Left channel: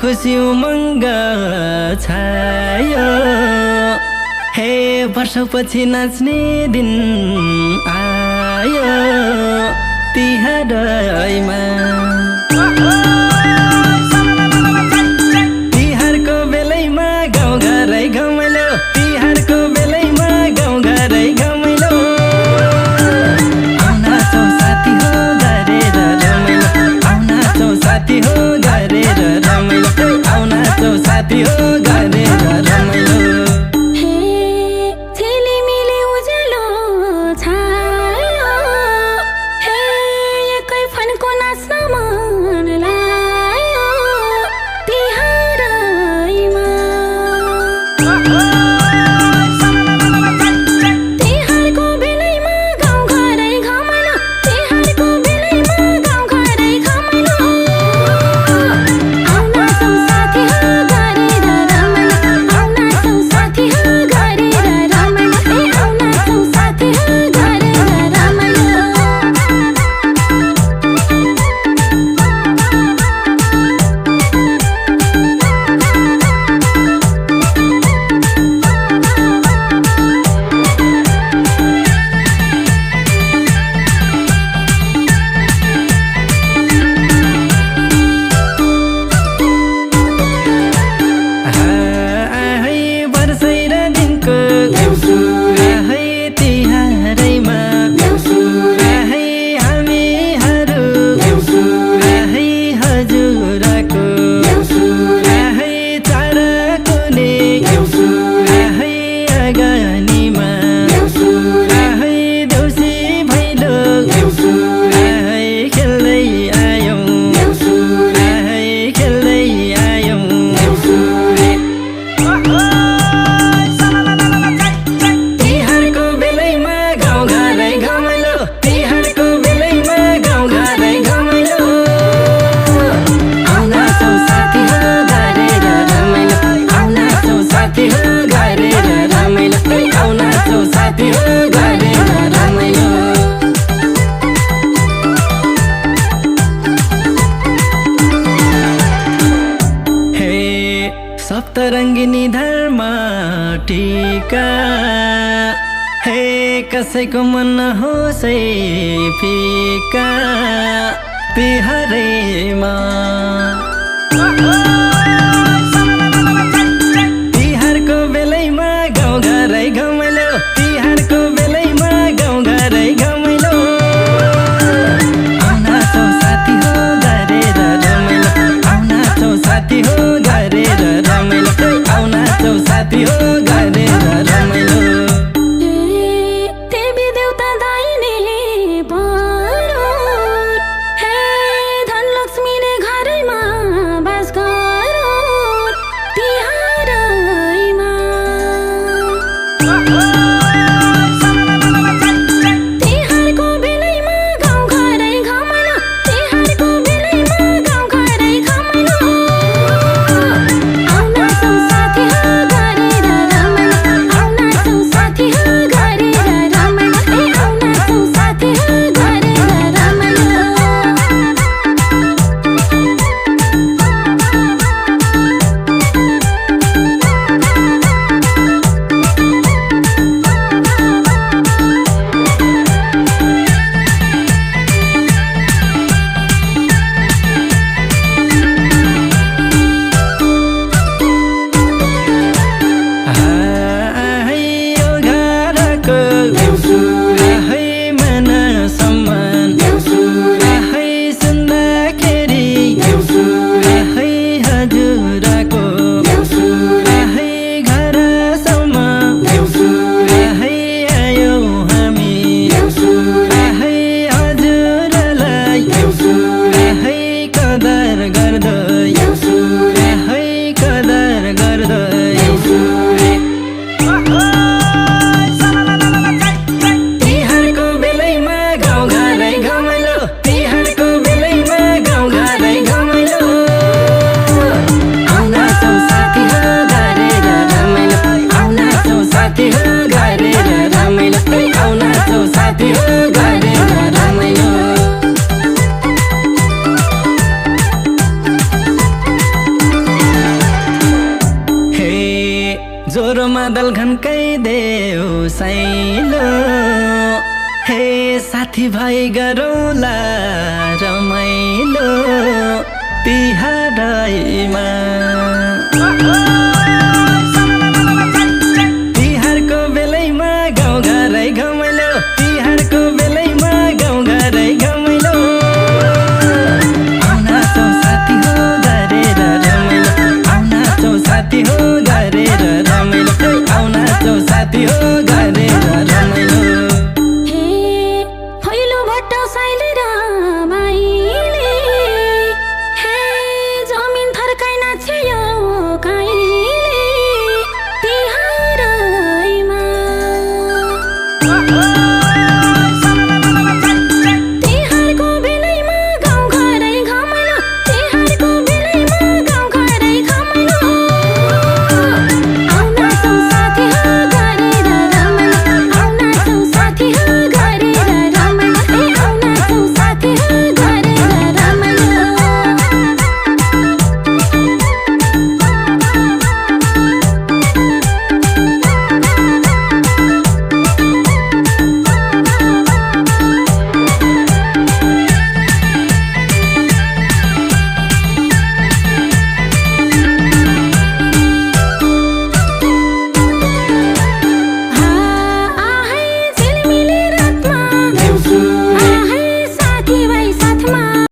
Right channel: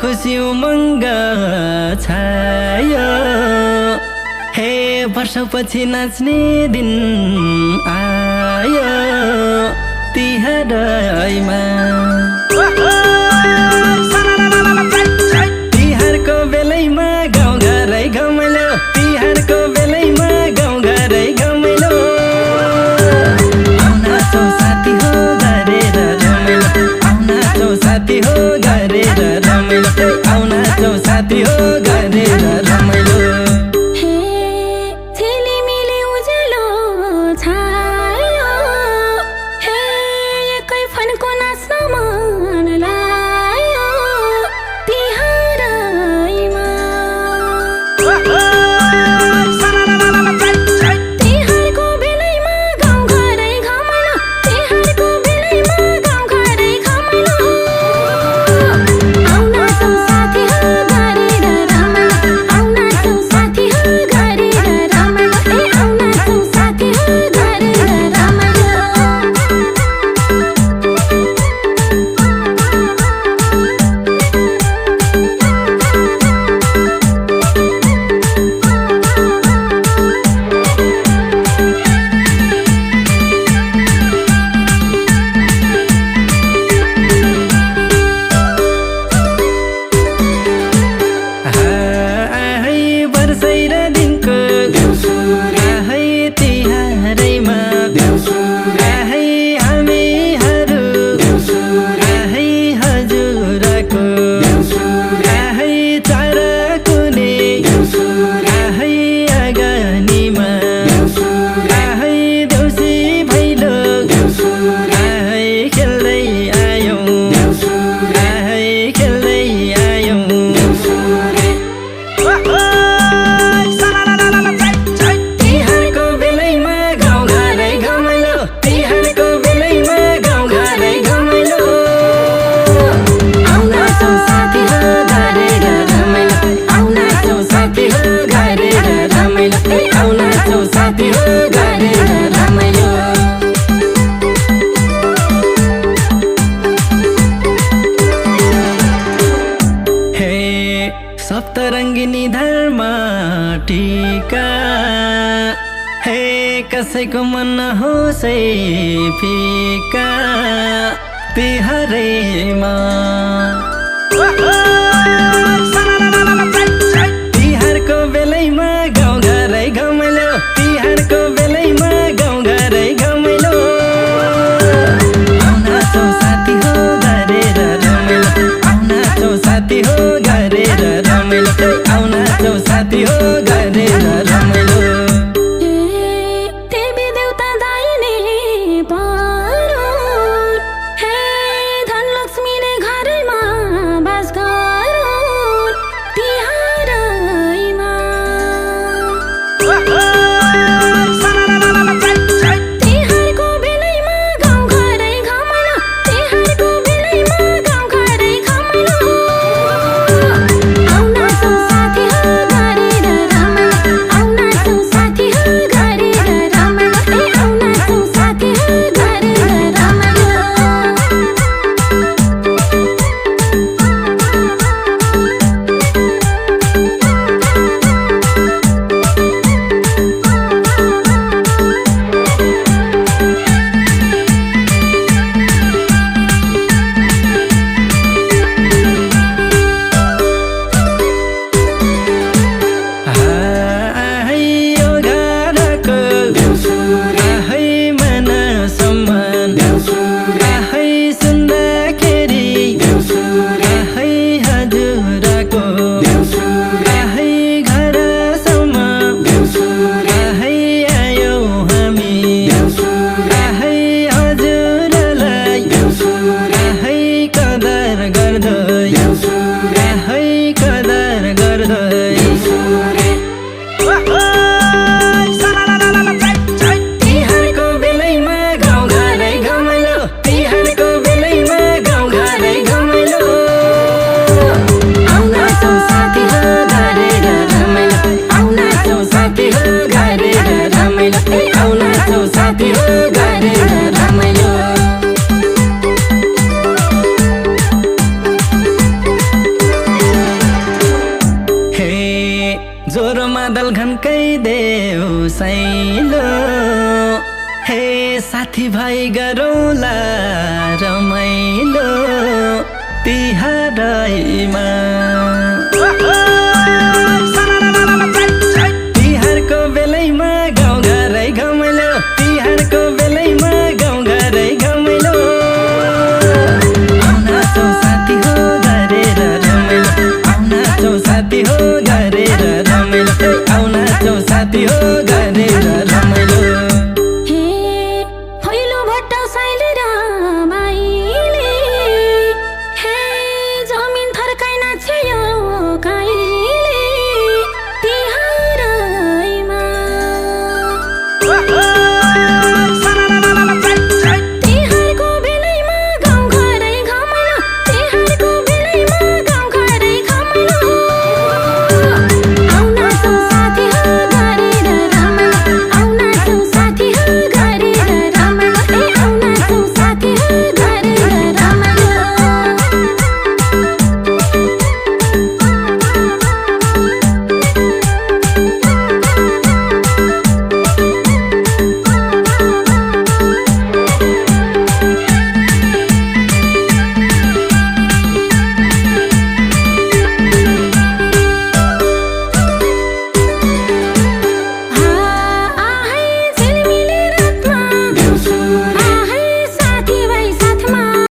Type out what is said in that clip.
खुसी उमङ्ग छायो हे वर्षपछि नाच्ने दिन आयो तिहारमा तिहारको बेलैमा गाउँघरै घमाइलो तिहारको बेलैमा गाउँघरै घमाइलो आउन चौ साथी हो गरेर रमाइलो आउन चौ साथी हो गरेर रमाइलो आउन चौ साथी हो गरेर रमाइलो सप्तरङ्गिनी धर्म टीका हे कसैको मन होस् फिका तिहारमा तिहारको बेलैमा गाउँघरै घमाइलो तिहारको बेलैमा गाउँघरै घमाइलो आउन चौ साथी हो गरेर रमाइलो आउन चौ साथी हो गरेर रमाइलो आउन चौ साथी हो गरेर रमाइलो देउसैलो हे साथी भाइ गरौँला रमाइलो तिहारमा तिहारको बेलैमा गाउँघरै घमाइलो तिहारको बेलैमा गाउँघरै घमाइलो आउन चौ साथी हो गरेर रमाइलो आउन चौ साथी हो गरेर रमाइलो आउन चौ साथी हो गरेर रमाइलो हे भैलो भट्ट साइली र